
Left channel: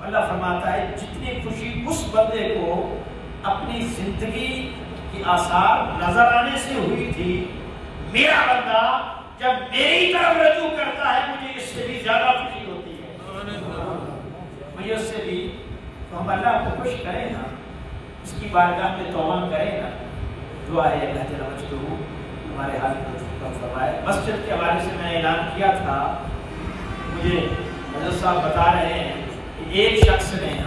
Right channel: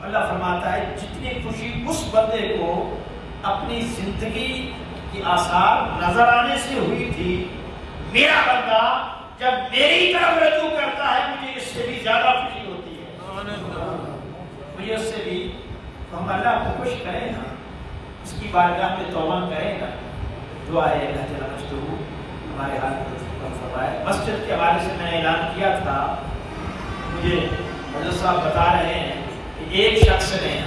اللہ فرماتا ہے جتنی خوشی اس بندے کو اپنی زندگی کی آثار نظر آنے سے ہوئی تھی، میرا بندہ جب میری طرف رجوع کرتا ہے مجھے اس سے بھی زیادہ خوشی ہوتی ہے. مجھے اس سے بھی ہم اللہ کو خوش کریں گا، اس کی بارگاہ میں توبہ کریں گا. دعا ہے اللہ تعالیٰ مجھ ہمارے ہاتھ فرمائے. مسجد کے حوالے سے میں اعلان کیا تھا، مجھے حضرت صاحب بتا رہے ہیں کہ ایک شخص نے